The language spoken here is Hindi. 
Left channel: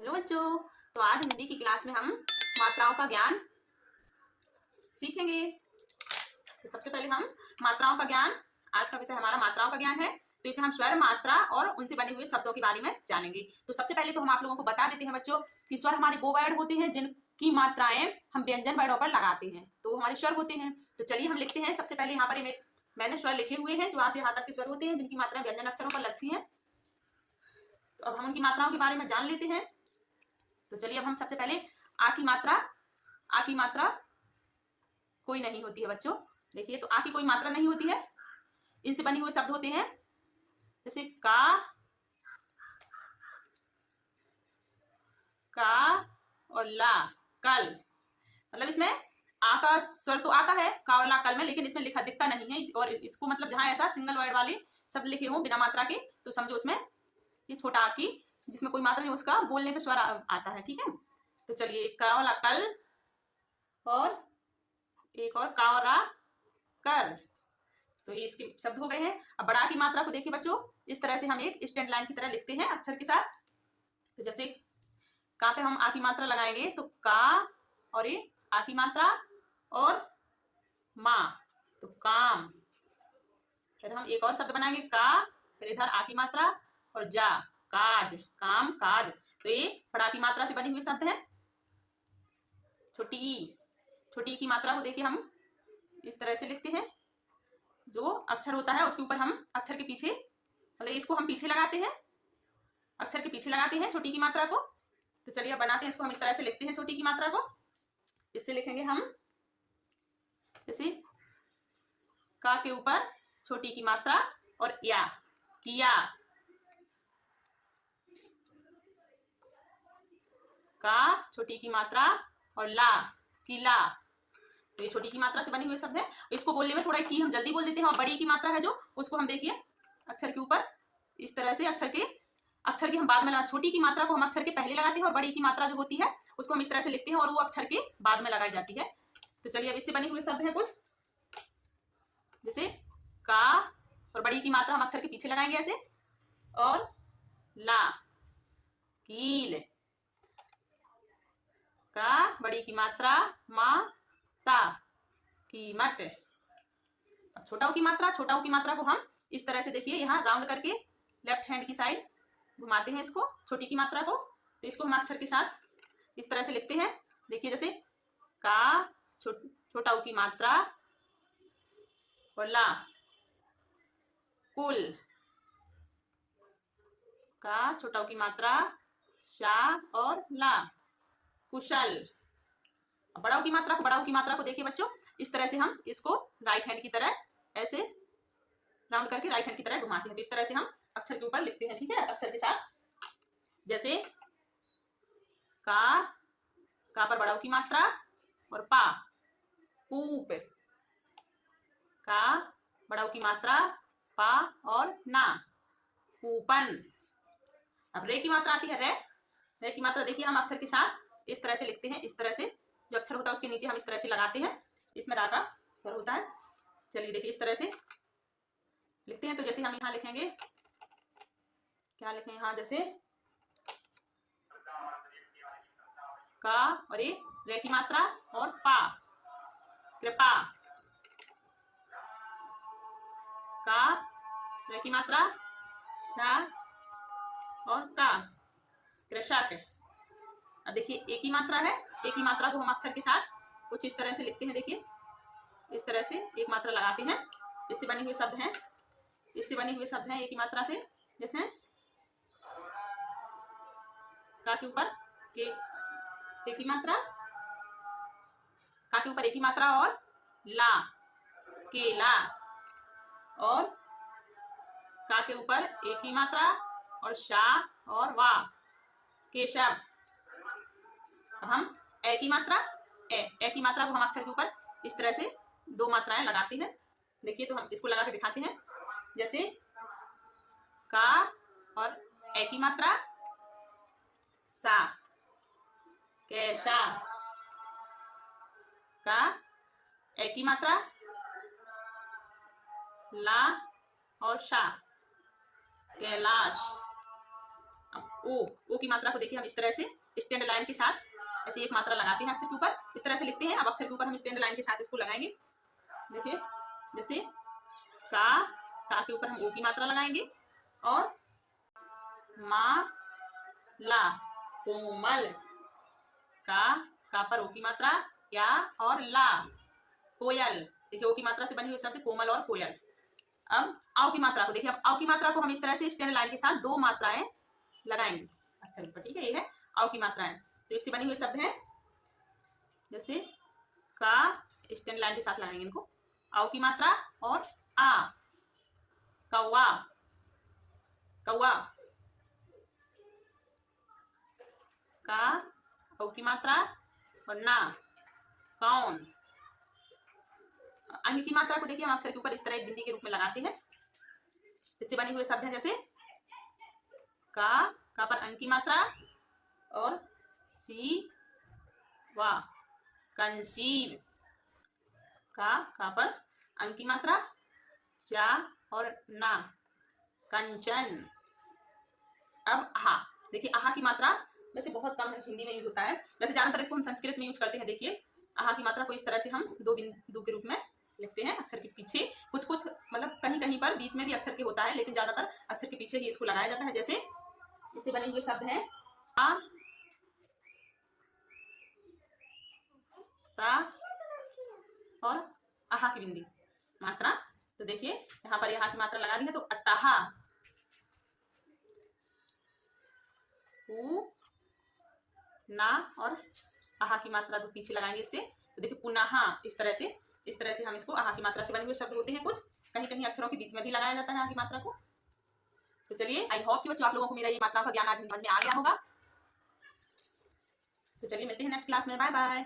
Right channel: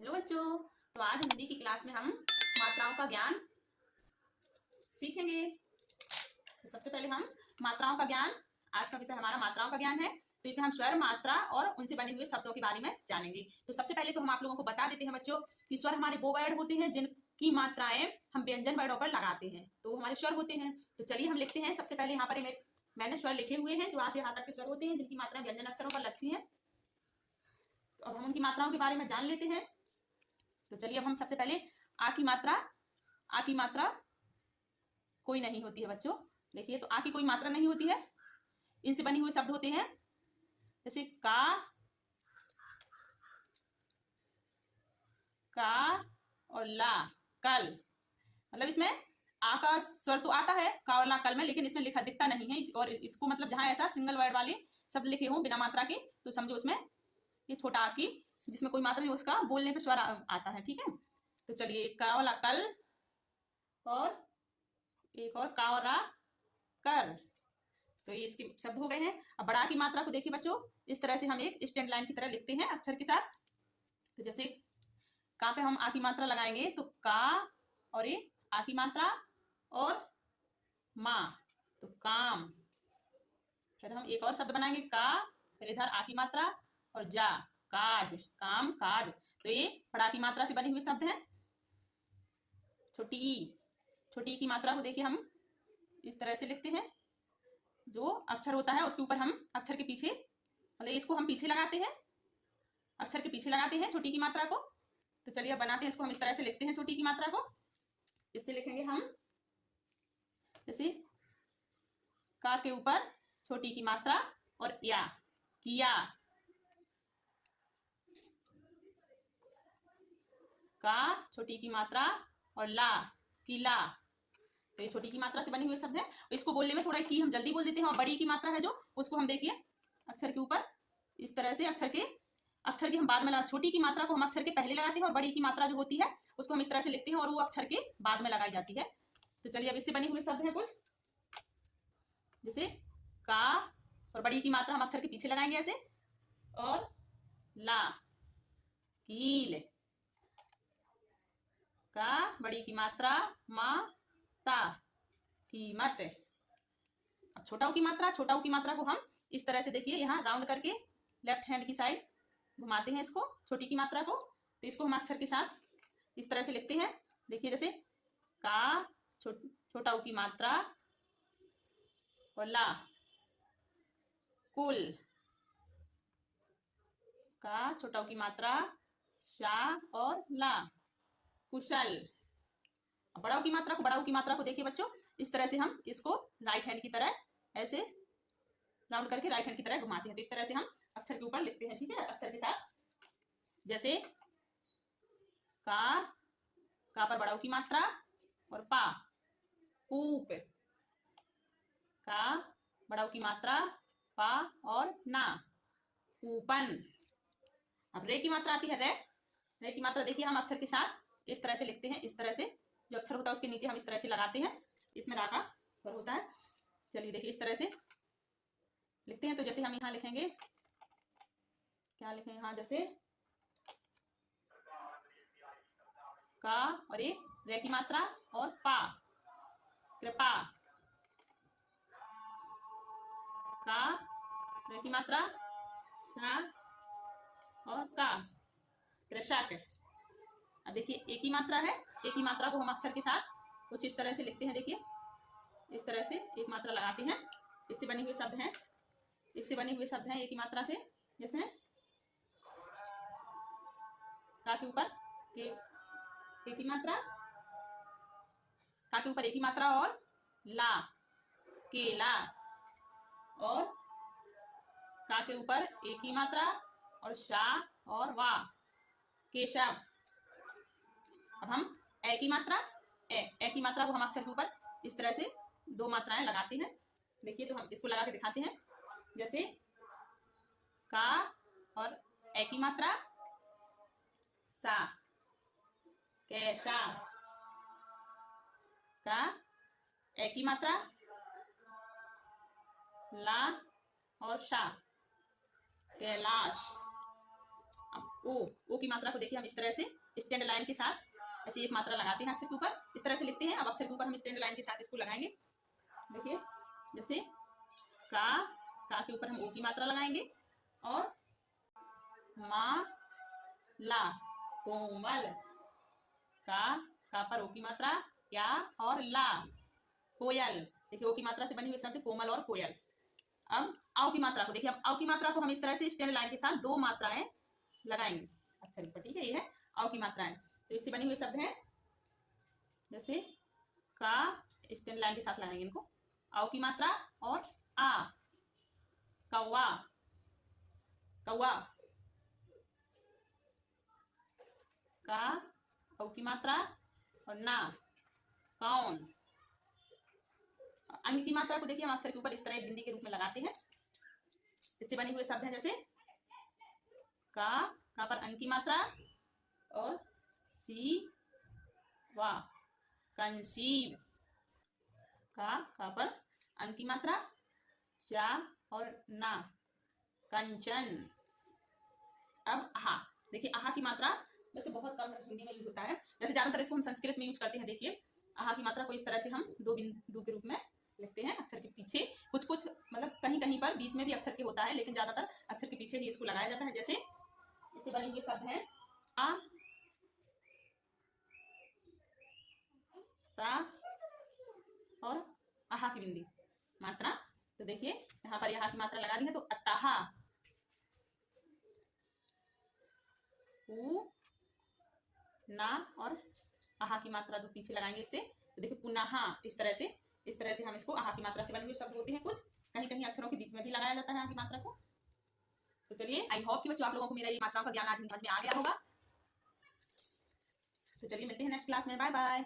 हेलो बच्चों। तो आज हिंदी की क्लास में हम मात्राओं का ज्ञान सीखेंगे। तो सबसे पहले हम मात्राओं का ज्ञान, आज का विषय हमारा मात्राओं का ज्ञान है। तो इसे हम स्वर, मात्रा और उनसे बने हुए शब्दों के बारे में जानेंगे। तो सबसे पहले तो हम आप लोगों को बता देते हैं बच्चों कि स्वर हमारे वो वर्ड होते हैं जिनकी मात्राएं हम व्यंजन वर्डों पर लगाते हैं, तो हमारे स्वर होते हैं। तो चलिए हम लिखते हैं। सबसे पहले यहाँ पर मैंने स्वर लिखे हुए हैं जो वहां से यहाँ तक के स्वर होते हैं जिनकी मात्राएं व्यंजन अक्षरों पर लगती है। तो अब हम उनकी मात्राओं के बारे में जान लेते हैं। तो चलिए अब हम सबसे पहले आ की मात्रा कोई नहीं होती है बच्चों। देखिए, तो आ की कोई मात्रा नहीं होती है। इनसे बने हुए शब्द होते हैं जैसे का और ला, कल। मतलब इसमें आ का स्वर तो आता है का और ला कल में, लेकिन इसमें लिखा दिखता नहीं है। और इसको मतलब जहां ऐसा सिंगल वर्ड वाले शब्द लिखे हो बिना मात्रा के, तो समझो उसमें ये छोटा आ की जिसमें कोई मात्रा नहीं, उसका बोलने पे स्वर आता है। ठीक है, तो चलिए का वाला कल और एक और का और रा कर। तो ये इसके शब्द हो गए हैं। अब बड़ा की मात्रा को देखिए बच्चों, इस तरह से हम एक स्टैंड लाइन की तरह लिखते हैं अक्षर के साथ। तो जैसे का पे हम आ की मात्रा लगाएंगे तो का और ये आ की मात्रा और माँ, तो काम। फिर हम एक और शब्द बनाएंगे का, फिर इधर आ की मात्रा और जा, काज, काम, काज। तो ये बड़ा की मात्रा से बने हुए शब्द हैं। छोटी ई की मात्रा को देखिए हम इस तरह से लिखते हैं। जो अक्षर होता है उसके ऊपर हम अक्षर के पीछे, मतलब इसको हम पीछे लगाते हैं, अक्षर के पीछे लगाते हैं छोटी की मात्रा को। तो चलिए बनाते हैं इसको। हम इस तरह से लिखते हैं छोटी की मात्रा को। इससे लिखेंगे हम जैसे का के ऊपर छोटी की मात्रा और या, किया, का छोटी की मात्रा और ला, किला। तो ये छोटी की मात्रा से बने हुए शब्द है। इसको बोलने में थोड़ा की हम जल्दी बोल देते हैं, और बड़ी की मात्रा है जो उसको हम देखिए अक्षर के ऊपर इस तरह से अक्षर की हम बाद में लगा, छोटी की मात्रा को हम अक्षर के पहले लगाते हैं और बड़ी की मात्रा जो होती है उसको हम इस तरह से लिखते हैं और वो अक्षर के बाद में लगाई जाती है। तो चलिए अब इससे बने हुए शब्द हैं कुछ, जैसे का और बड़ी की मात्रा हम अक्षर के पीछे लगाएंगे ऐसे, और ला, कील, का बड़ी की मात्रा माता, कीमत। अब छोटाओं की मात्रा को हम इस तरह से देखिए यहाँ राउंड करके लेफ्ट हैंड की साइड घुमाते हैं इसको, छोटी की मात्रा को। तो इसको हम अक्षर के साथ इस तरह से लिखते हैं। देखिए जैसे का छोटाओं की मात्रा और ला, कुल, का छोटाओं की मात्रा शा और ला, कुशल। बड़ाओं की मात्रा को देखिए बच्चों, इस तरह से हम इसको राइट हैंड की तरह ऐसे राउंड करके राइट हैंड की तरह घुमाते हैं। तो इस तरह से हम अक्षर के ऊपर लिखते हैं। ठीक है, अक्षर के साथ जैसे का पर बड़ाओं की मात्रा और पा, कूप, का बड़ाओं की मात्रा पा और ना, कूपन। अब रे की मात्रा आती है रे की मात्रा देखिए हम अक्षर के साथ इस तरह से लिखते हैं। इस तरह से जो अक्षर होता है उसके नीचे हम इस तरह से लगाते हैं, इसमें रा का स्वर होता है। चलिए देखिए इस तरह से लिखते हैं। तो जैसे हम यहाँ लिखेंगे, क्या लिखें यहाँ, जैसे का और ये रे की मात्रा और पा, कृपा, का रे की मात्रा शा और का, कृषक। अब देखिए एक ही मात्रा है, एक ही मात्रा को हम अक्षर के साथ कुछ इस तरह से लिखते हैं। देखिए इस तरह से एक मात्रा लगाते हैं। इससे बने हुए शब्द हैं, एक ही मात्रा से। जैसे का के ऊपर एक ही मात्रा, का के ऊपर एक ही मात्रा और ला, केला, और का के ऊपर एक ही मात्रा और शा और वा, केशव। अब हम ए की मात्रा को हम अक्षर के ऊपर इस तरह से दो मात्राएं लगाते हैं। देखिए तो हम इसको लगा के दिखाते हैं। जैसे का और ए की मात्रा सा, कैसा, का ए की मात्रा ला और शा, कैलाश। अब ओ की मात्रा को देखिए हम इस तरह से स्टैंड लाइन के साथ ऐसे एक मात्रा लगाते हैं अक्षर के ऊपर, इस तरह से लिखते हैं। अब अक्षर के ऊपर हम स्टैंड लाइन के साथ इसको लगाएंगे। देखिए जैसे का के ऊपर हम ओ की मात्रा लगाएंगे और मा ला कोमल, का पर ओ की मात्रा, या और ला कोयल। देखिए ओ की मात्रा से बने हुए शब्द कोमल और कोयल। अब आओ की मात्रा को देखिए, अब आओ की मात्रा को हम इस तरह से स्टैंड लाइन के साथ दो मात्राएं लगाएंगे अक्षर ऊपर, ठीक है। ये है आओ की मात्राएं, तो इससे बने हुए शब्द हैं जैसे का स्टैंड लाइन के साथ लगाएंगे इनको, आओ की मात्रा और आ, कौवा कौवा, का औ की मात्रा और ना कौन। अंग की मात्रा को देखिए हम अक्षर के ऊपर इस तरह एक बिंदी के रूप में लगाते हैं। इससे बने हुए शब्द हैं जैसे का पर अंग की मात्रा और सी वा कंसीव, का पर अंग की मात्रा, चा और ना कंचन। अब आहा, देखिए आहा की मात्रा वैसे बहुत कम है, हिंदी में यूज होता है, वैसे ज्यादातर इसको हम संस्कृत में यूज करते हैं। देखिए आहा की मात्रा को इस तरह से हम दो बिंदु के रूप में लिखते हैं अक्षर के पीछे, कुछ कुछ मतलब कहीं कहीं पर बीच में भी अक्षर के होता है, लेकिन ज्यादातर अक्षर के पीछे ही इसको लगाया जाता है। जैसे इससे बने हुए शब्द हैं आ, ता और आहा की बिंदी मात्रा। तो देखिए यहाँ पर यहाँ की मात्रा लगा दी है, तो अतहा, उ, ना और आहा की मात्रा तो पीछे लगाएंगे इससे। तो देखिए पुनः, इस तरह से हम इसको आहा की मात्रा से बने हुए शब्द होते हैं, कुछ कहीं कहीं अक्षरों के बीच में भी लगाया जाता है आहा की मात्रा को। तो चलिए आई होप कि बच्चों आप लोगों को मेरा ये मात्रा का ज्ञान आज समझ में आ गया होगा। तो चलिए मिलते हैं नेक्स्ट क्लास में, बाय बाय।